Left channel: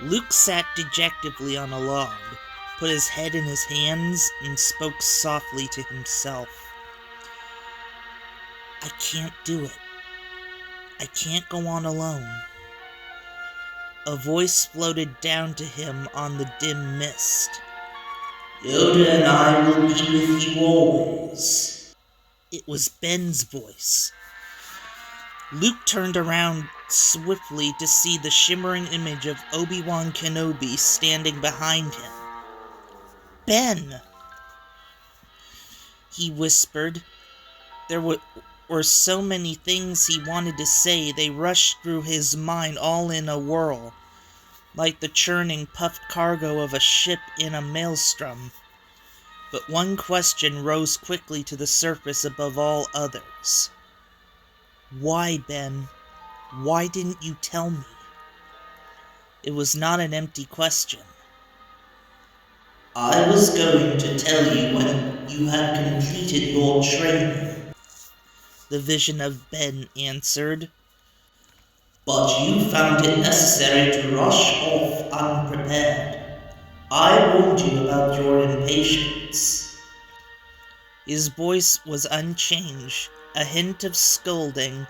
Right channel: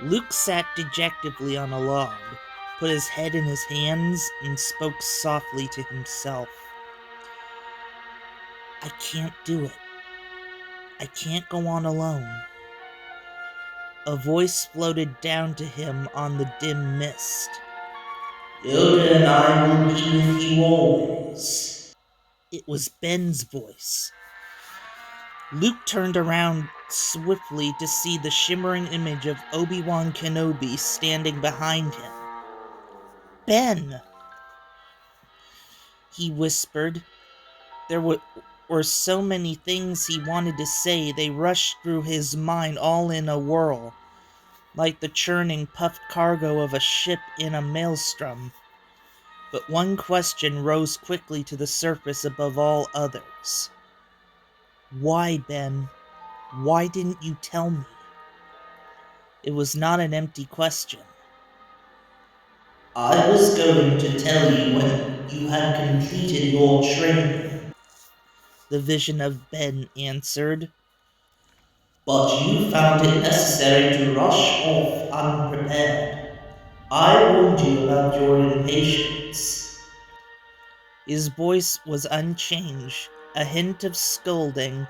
Luke sat dejectedly on a log, put his head in his hands, and spoke softly to himself. I can't do it. I can't go on alone. A voice floated down to him on the dim mist. Yoda and I will be with you always. It was Ben's voice. Luke turned around swiftly to see the shimmering image of Obi-Wan Kenobi standing behind him. Ben! He whispered. There were so many things he wanted to say, they rushed through his mind all in a whirl, like the churning, puffed cargo of a ship in a maelstrom. But one question rose quickly to the surface above all others. Why, Ben? Why didn't you tell me? It was not an empty question. I was going to tell you when you had completed your training, the vision of Ben answered. But you found it necessary to rush off unprepared. I warned you about your impatience. His voice was unchanged, a hint of scolding,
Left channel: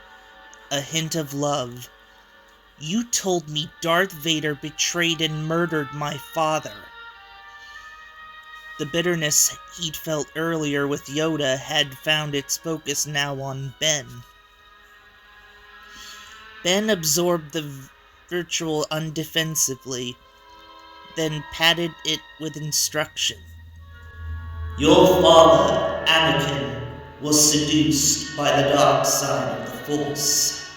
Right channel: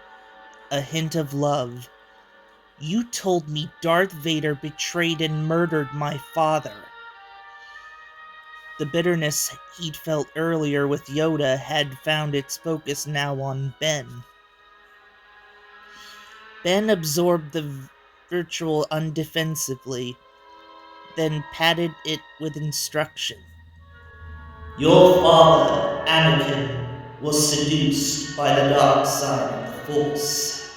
a hint of love. You told me Darth Vader betrayed and murdered my father. The bitterness he'd felt earlier with Yoda had found its focus now on Ben. Ben absorbed the virtual undefensively, then patted it with instruction. Your father, Anakin, was seduced by the dark side of the Force.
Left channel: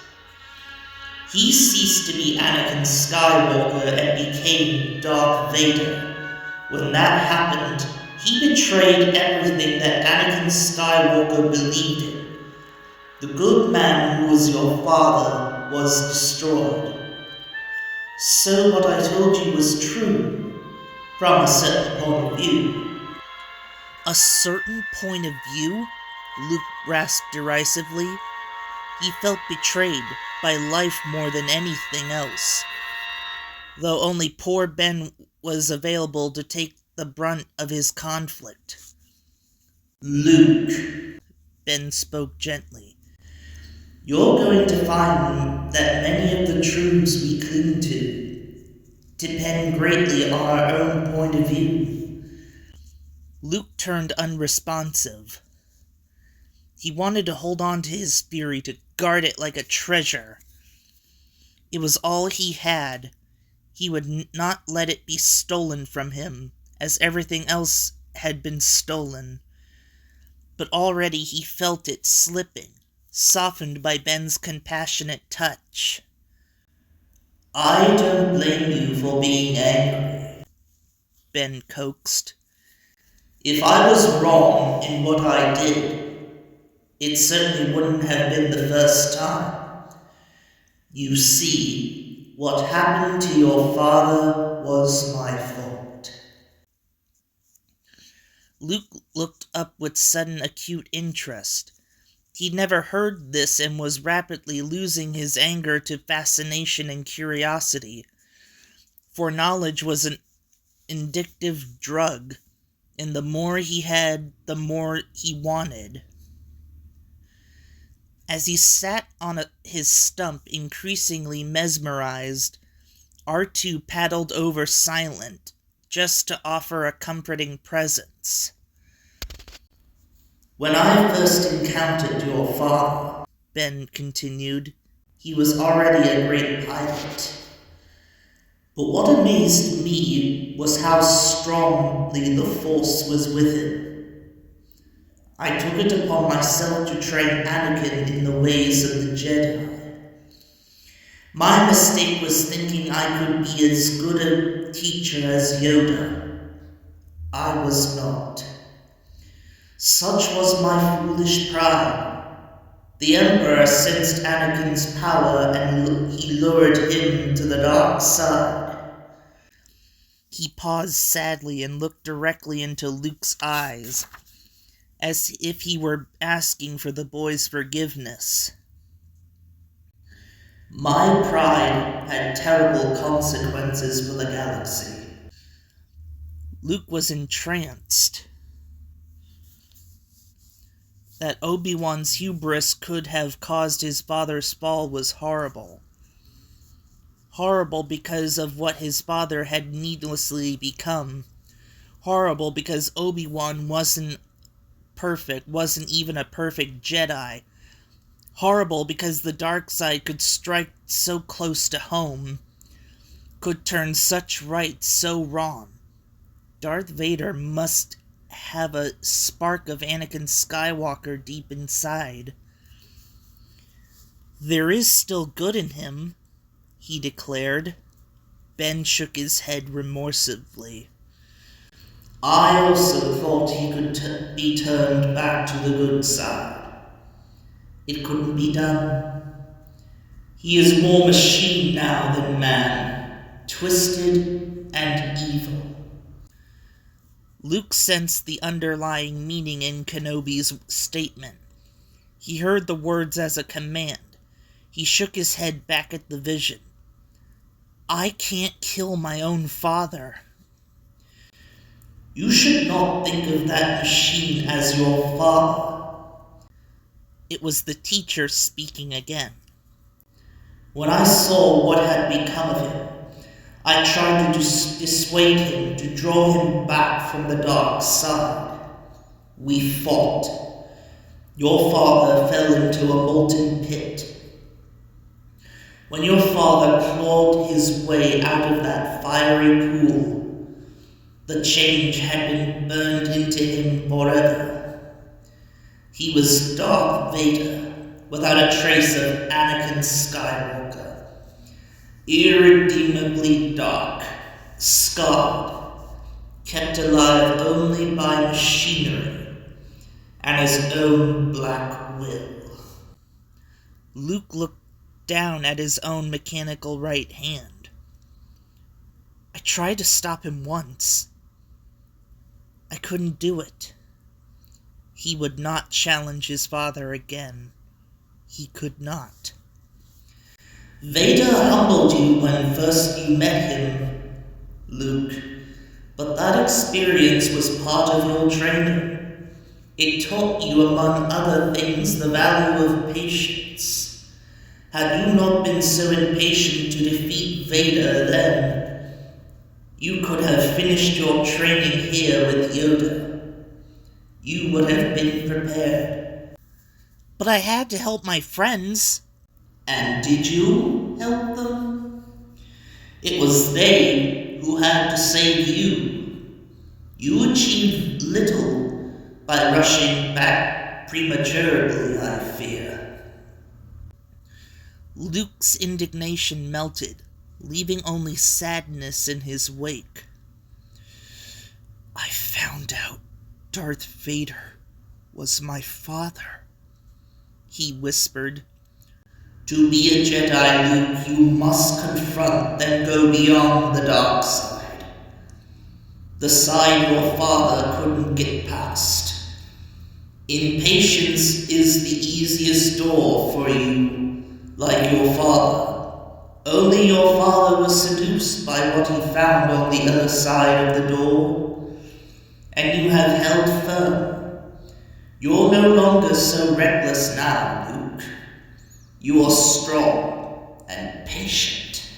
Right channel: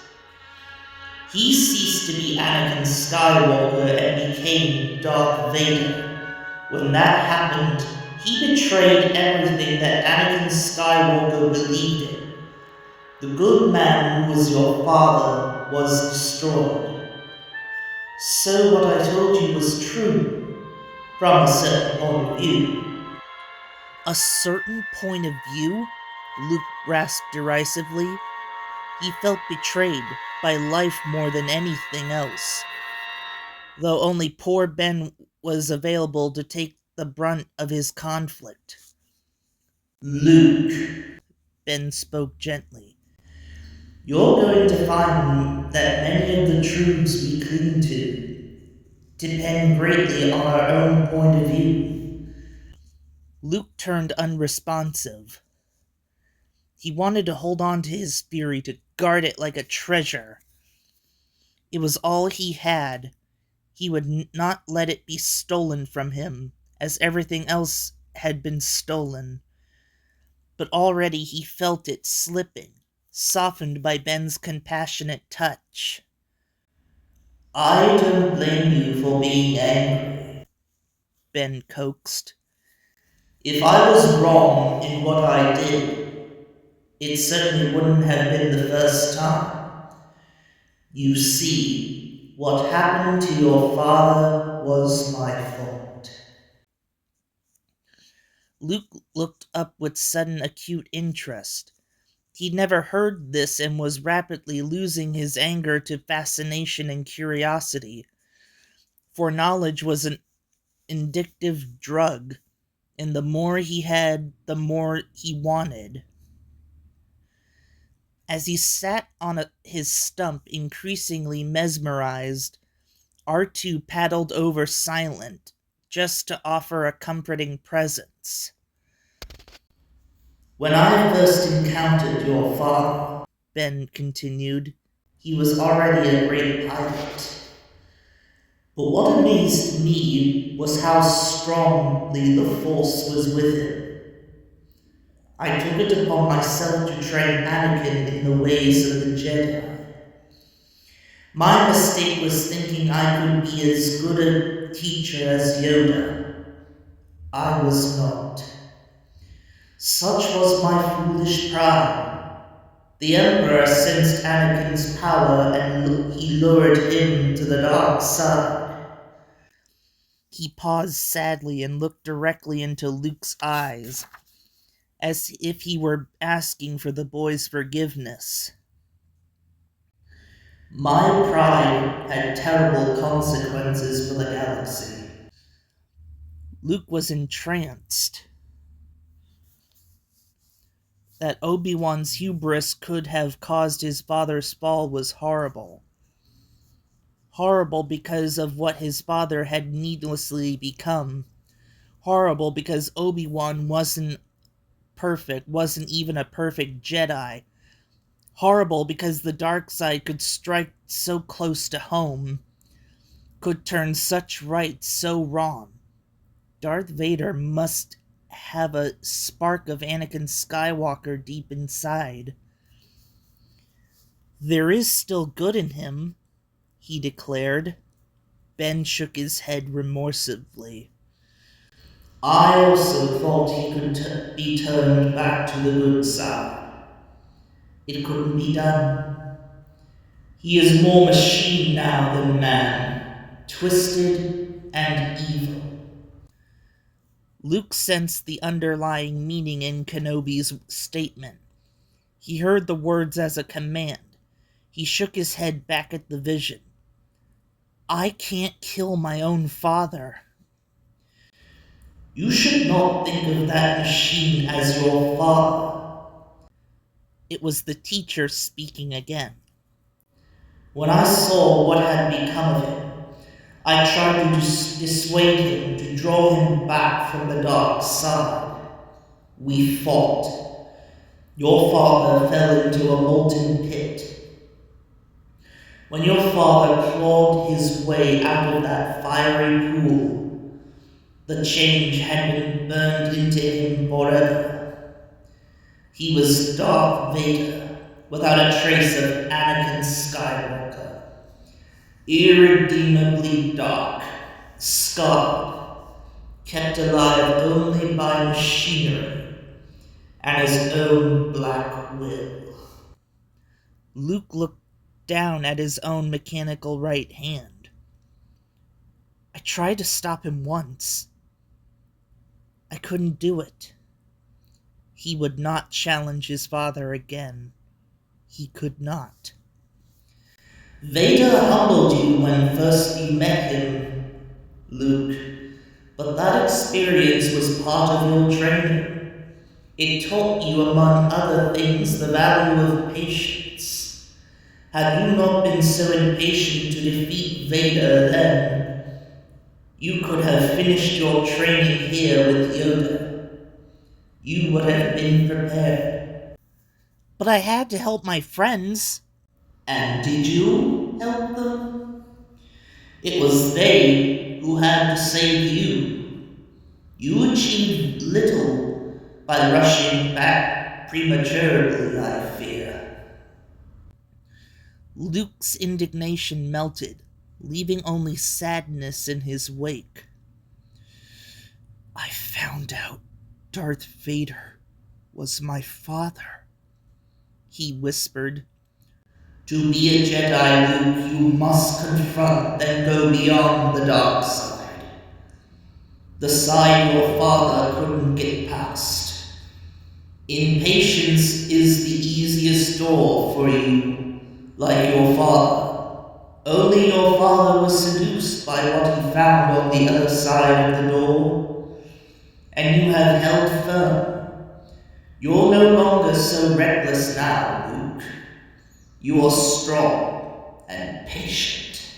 He ceased to be Anakin Skywalker and became Darth Vader. When that happened, he betrayed everything that Anakin Skywalker believed in. The good man who was your father was destroyed. So what I told you was true, from a certain point of view. A certain point of view? Luke rasped derisively. He felt betrayed by life more than anything else, though only poor Ben was available to take the brunt of his conflict. Luke, Ben spoke gently, you're going to find that many of the truths we cling to depend greatly on our own point of view. Luke turned unresponsive. He wanted to hold on to his fury, to guard it like a treasure. It was all he had. He would not let it be stolen from him, as everything else had been stolen. But already he felt it slipping, softened by Ben's compassionate touch. I don't blame you for being angry, Ben coaxed. If I was wrong in what I did, it certainly wouldn't have been the first time. You see, what happened to your father was my fault. Luke looked up with sudden acute interest. He'd never heard this and was rapidly losing his anger to fascination and curiosity. For knowledge was an addictive drug, and the more he had, the more he wanted. As he sat on his stump, increasingly mesmerized, R2 paddled over silent, just to offer a comforting presence. When I first encountered your father, Ben continued, he was already a great pilot. But what amazed me was how strongly the Force was with him. I took it upon myself to train Anakin in the ways of the Jedi. My mistake was thinking I could be as good a teacher as Yoda. I was not. Such was my foolish pride. The Emperor sensed Anakin's power and he lured him to the dark side. He paused sadly and looked directly into Luke's eyes, as if he were asking for the boy's forgiveness. My pride had terrible consequences for the galaxy. Luke was entranced. That Obi-Wan's hubris could have caused his father's fall was horrible. Horrible because of what his father had needlessly become. Horrible because Obi-Wan wasn't perfect, wasn't even a perfect Jedi. Horrible because the dark side could strike so close to home, could turn such right so wrong. Darth Vader must have a spark of Anakin Skywalker deep inside. There is still good in him, he declared. Ben shook his head remorsively. I also thought he could be turned back to the good side. It couldn't be done. He is more machine now than man, twisted and evil. Luke sensed the underlying meaning in Kenobi's statement. He heard the words as a command. He shook his head back at the vision. I can't kill my own father. You should not think of that machine as your father. It was the teacher speaking again. When I saw what had become of him, I tried to dissuade him, to draw him back from the dark side. We fought. Your father fell into a molten pit. When your father clawed his way out of that fiery pool, the change had been burned into him forever. He was Darth Vader, without a trace of Anakin Skywalker. Irredeemably dark, scarred, kept alive only by machinery and his own black will. Luke looked down at his own mechanical right hand. I tried to stop him once. I couldn't do it. He would not challenge his father again. He could not. Vader humbled you when first you met him, Luke, but that experience was part of your training. It taught you, among other things, the value of patience. Had you not been so impatient to defeat Vader then, you could have finished your training here with Yoda. You would have been prepared. But I had to help my friends. And did you help them? It was they who had to save you. You achieved little by rushing back prematurely, I fear. Luke's indignation melted, leaving only sadness in his wake. I found out Darth Vader was my father, he whispered. To be a Jedi, Luke, you must confront, then go beyond the dark side. The side your father couldn't get past. Impatience is the easiest door for you, like your father. Only your father was seduced by what he found on the other side of the door, and you have held firm. You're no longer so reckless now, Luke. You are strong and patient,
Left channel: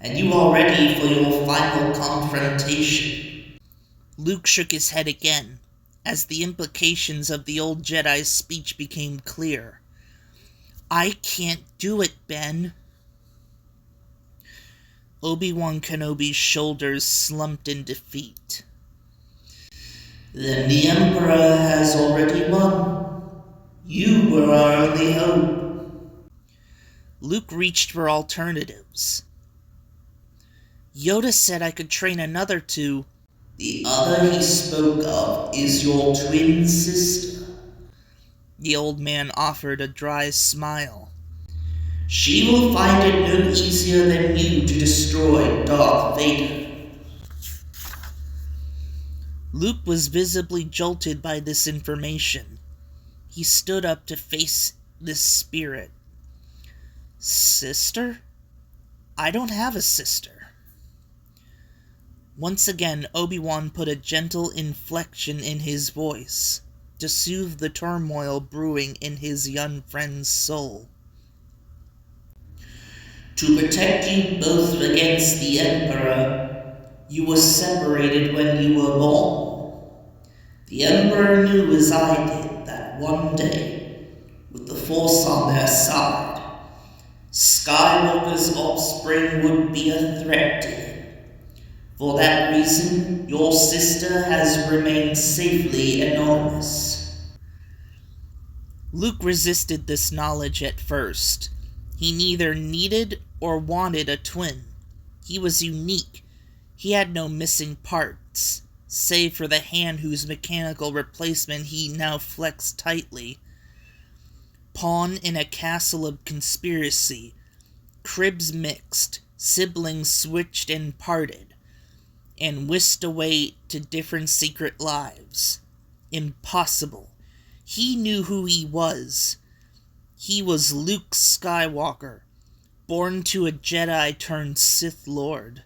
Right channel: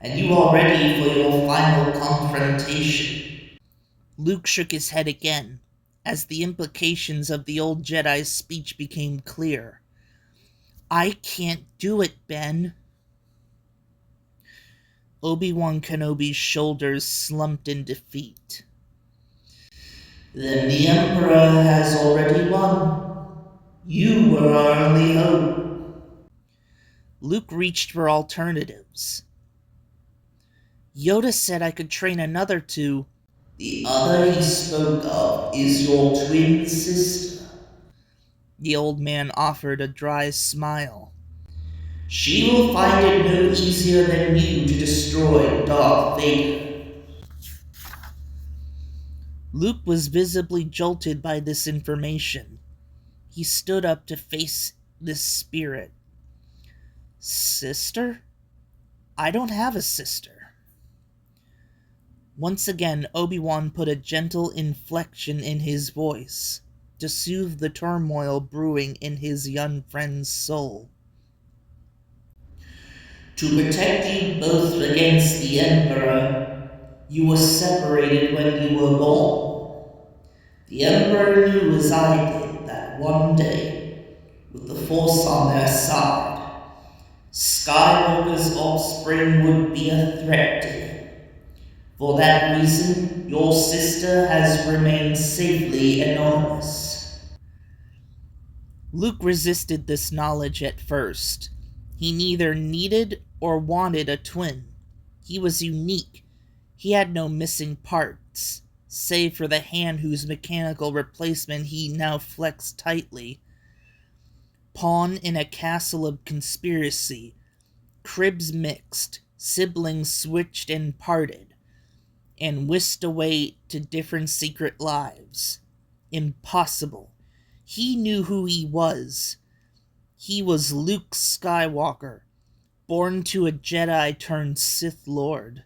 and you are ready for your final confrontation. Luke shook his head again, as the implications of the old Jedi's speech became clear. I can't do it, Ben. Obi-Wan Kenobi's shoulders slumped in defeat. Then the Emperor has already won. You were our only hope. Luke reached for alternatives. Yoda said I could train another to... The other he spoke of is your twin sister. The old man offered a dry smile. She will find it no easier than you to destroy Darth Vader. Luke was visibly jolted by this information. He stood up to face this spirit. Sister? I don't have a sister. Once again, Obi-Wan put a gentle inflection in his voice to soothe the turmoil brewing in his young friend's soul. To protect you both against the Emperor, you were separated when you were born. The Emperor knew as I did that one day, with the Force on their side, Skywalker's offspring would be a threat to him. For that reason, your sister has remained safely anonymous. Luke resisted this knowledge at first. He neither needed or wanted a twin. He was unique. He had no missing parts, save for the hand whose mechanical replacement he now flexed tightly. Pawn in a castle of conspiracy, cribs mixed, siblings switched and parted, and whisked away to different secret lives. Impossible. He knew who he was. He was Luke Skywalker, born to a Jedi turned Sith Lord.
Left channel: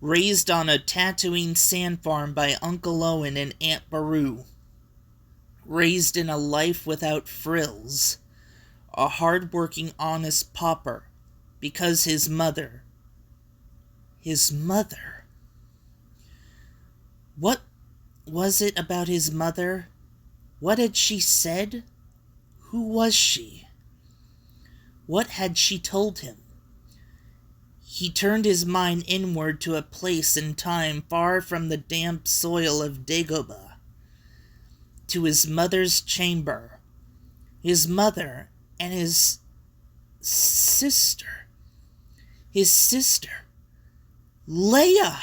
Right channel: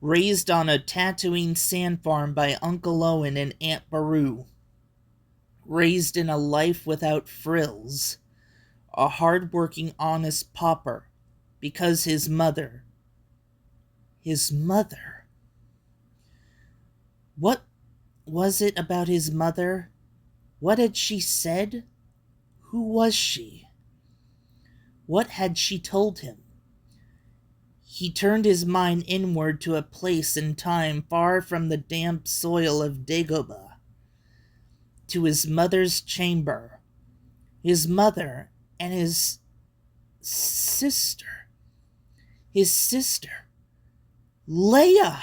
Raised on a Tatooine sand farm by Uncle Owen and Aunt Beru. Raised in a life without frills. A hard-working, honest pauper, because his mother... What was it about his mother? What had she said? Who was she? What had she told him? He turned his mind inward to a place and time far from the damp soil of Dagobah, to his mother's chamber, his mother and his sister. His sister. Leia!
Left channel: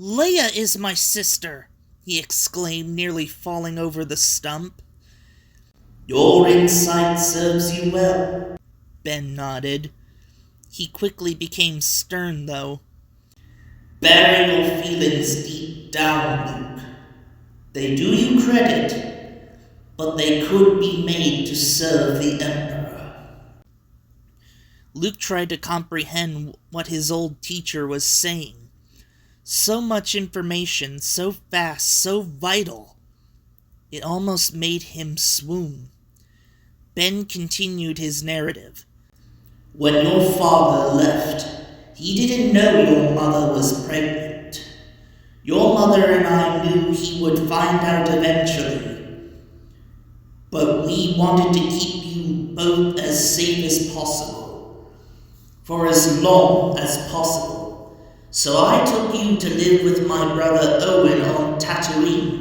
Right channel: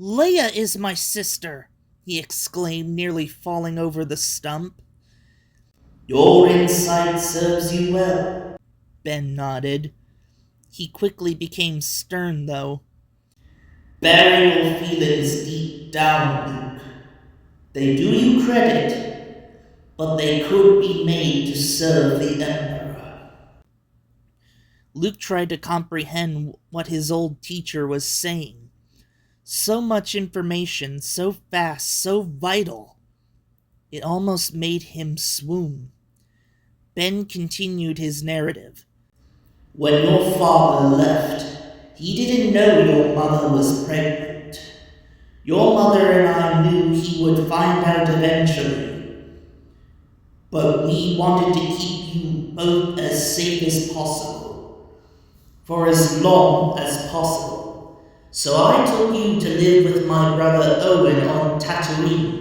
Leia is my sister, he exclaimed, nearly falling over the stump. Your insight serves you well, Ben nodded. He quickly became stern, though. Bury your feelings deep down, Luke. They do you credit, but they could be made to serve the Emperor. Luke tried to comprehend what his old teacher was saying. So much information, so fast, so vital. It almost made him swoon. Ben continued his narrative. When your father left, he didn't know your mother was pregnant. Your mother and I knew he would find out eventually. But we wanted to keep you both as safe as possible, for as long as possible. So I took you to live with my brother Owen on Tatooine.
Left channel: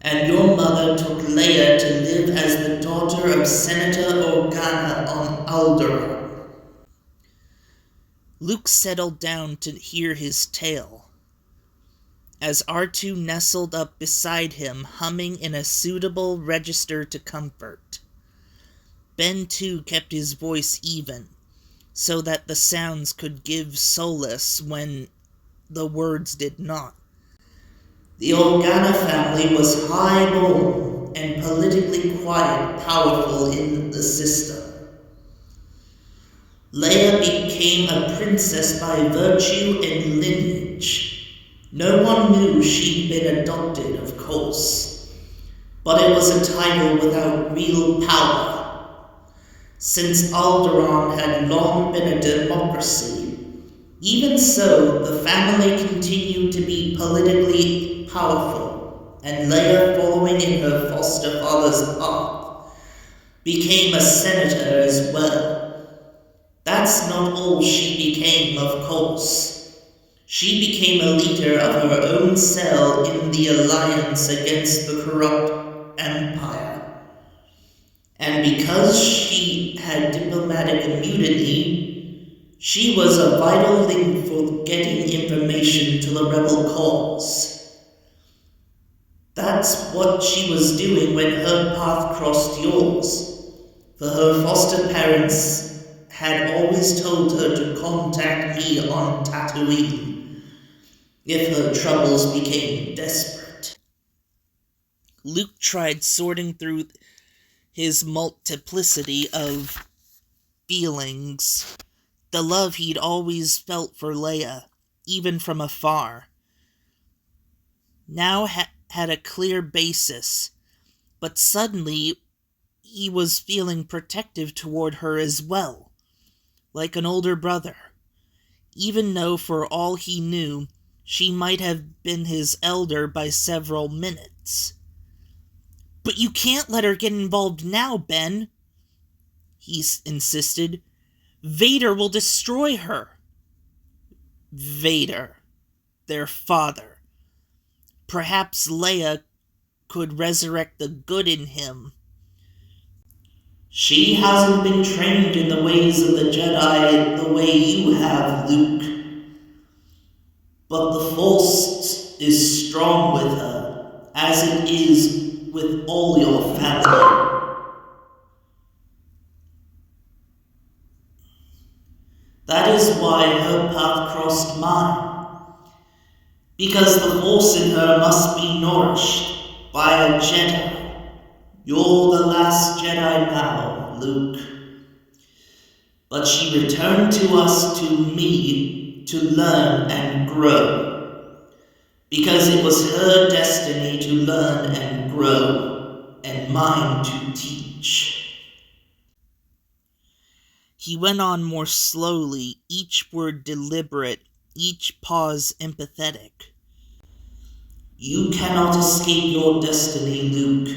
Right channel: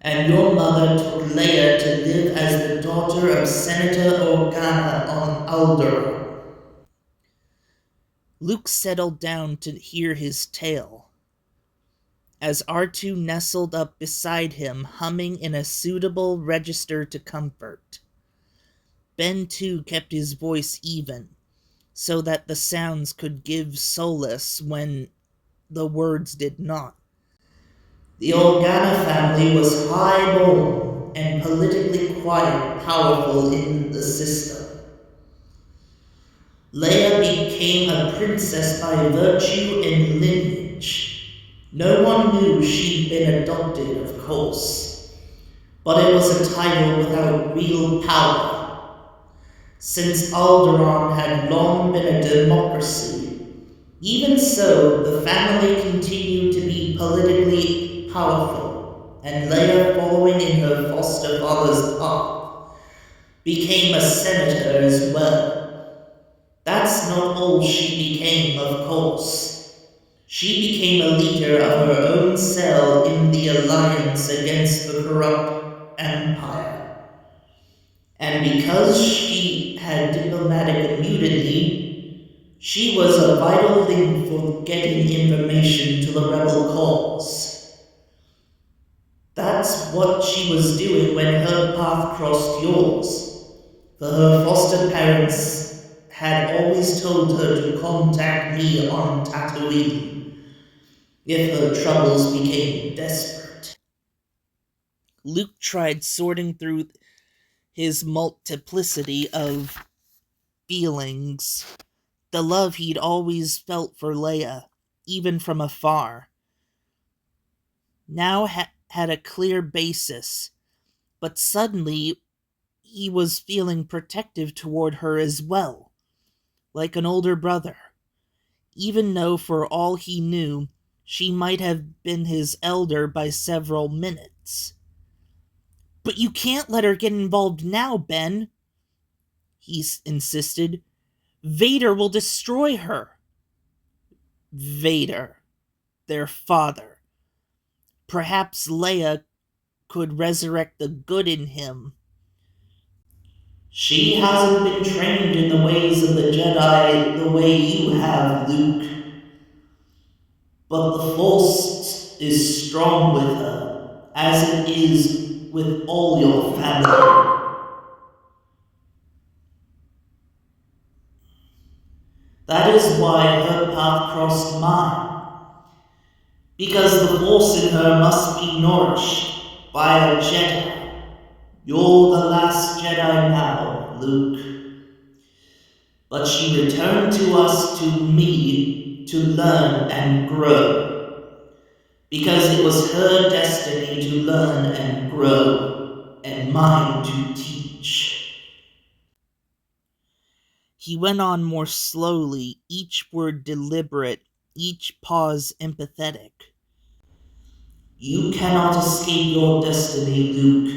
And your mother took Leia to live as the daughter of Senator Organa on Alderaan. Luke settled down to hear his tale, as R2 nestled up beside him, humming in a suitable register to comfort. Ben, too, kept his voice even, so that the sounds could give solace when the words did not. The Organa family was high-born and politically quite powerful in the system. Leia became a princess by virtue and lineage. No one knew she'd been adopted, of course, but it was a title without real power. Since Alderaan had long been a democracy, even so, the family continued to be politically powerful, and Leia, following in her foster father's path, became a senator as well. That's not all she became, of course. She became a leader of her own cell in the alliance against the corrupt Empire. And because she had diplomatic immunity, she was a vital link for getting information to the rebel cause. That's what she was doing when her path crossed yours, for her foster parents had always told her to contact me on Tatooine if her troubles became desperate. Luke tried sorting through his multiplicity of feelings, the love he'd always felt for Leia, even from afar, now had a clear basis, but suddenly he was feeling protective toward her as well, like an older brother, even though for all he knew, she might have been his elder by several minutes. "But you can't let her get involved now, Ben," he insisted. "Vader will destroy her." Vader, their father. Perhaps Leia could resurrect the good in him. "She hasn't been trained in the ways of the Jedi the way you have, Luke. But the Force is strong with her, as it is with all your family. That is why her path crossed mine. Because the Force in her must be nourished by a Jedi. You're the last Jedi now, Luke. But she returned to us, to me, to learn and grow. Because it was her destiny to learn and grow, and mine to teach." He went on more slowly, each word deliberate, each pause empathetic. "You cannot escape your destiny, Luke."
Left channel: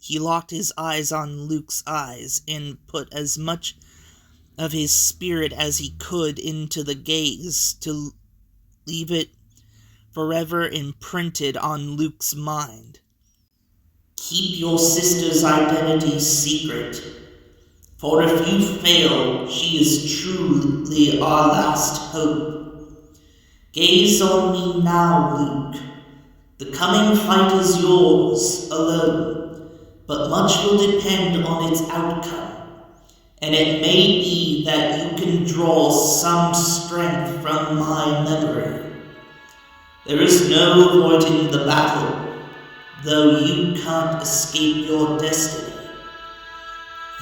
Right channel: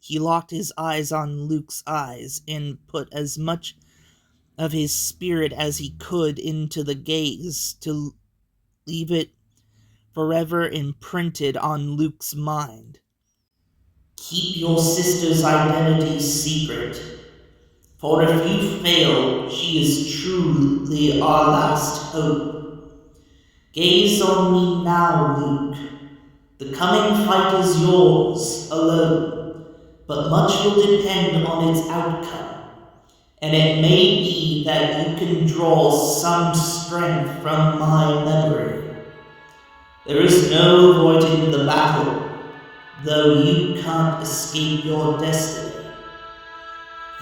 He locked his eyes on Luke's eyes and put as much of his spirit as he could into the gaze to leave it forever imprinted on Luke's mind. "Keep your sister's identity secret, for if you fail, she is truly our last hope. Gaze on me now, Luke. The coming fight is yours alone, but much will depend on its outcome. And it may be that you can draw some strength from my memory. There is no avoiding the battle, though you can't escape your destiny.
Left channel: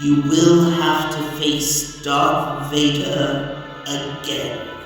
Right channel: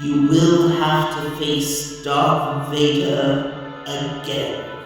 You will have to face Darth Vader again."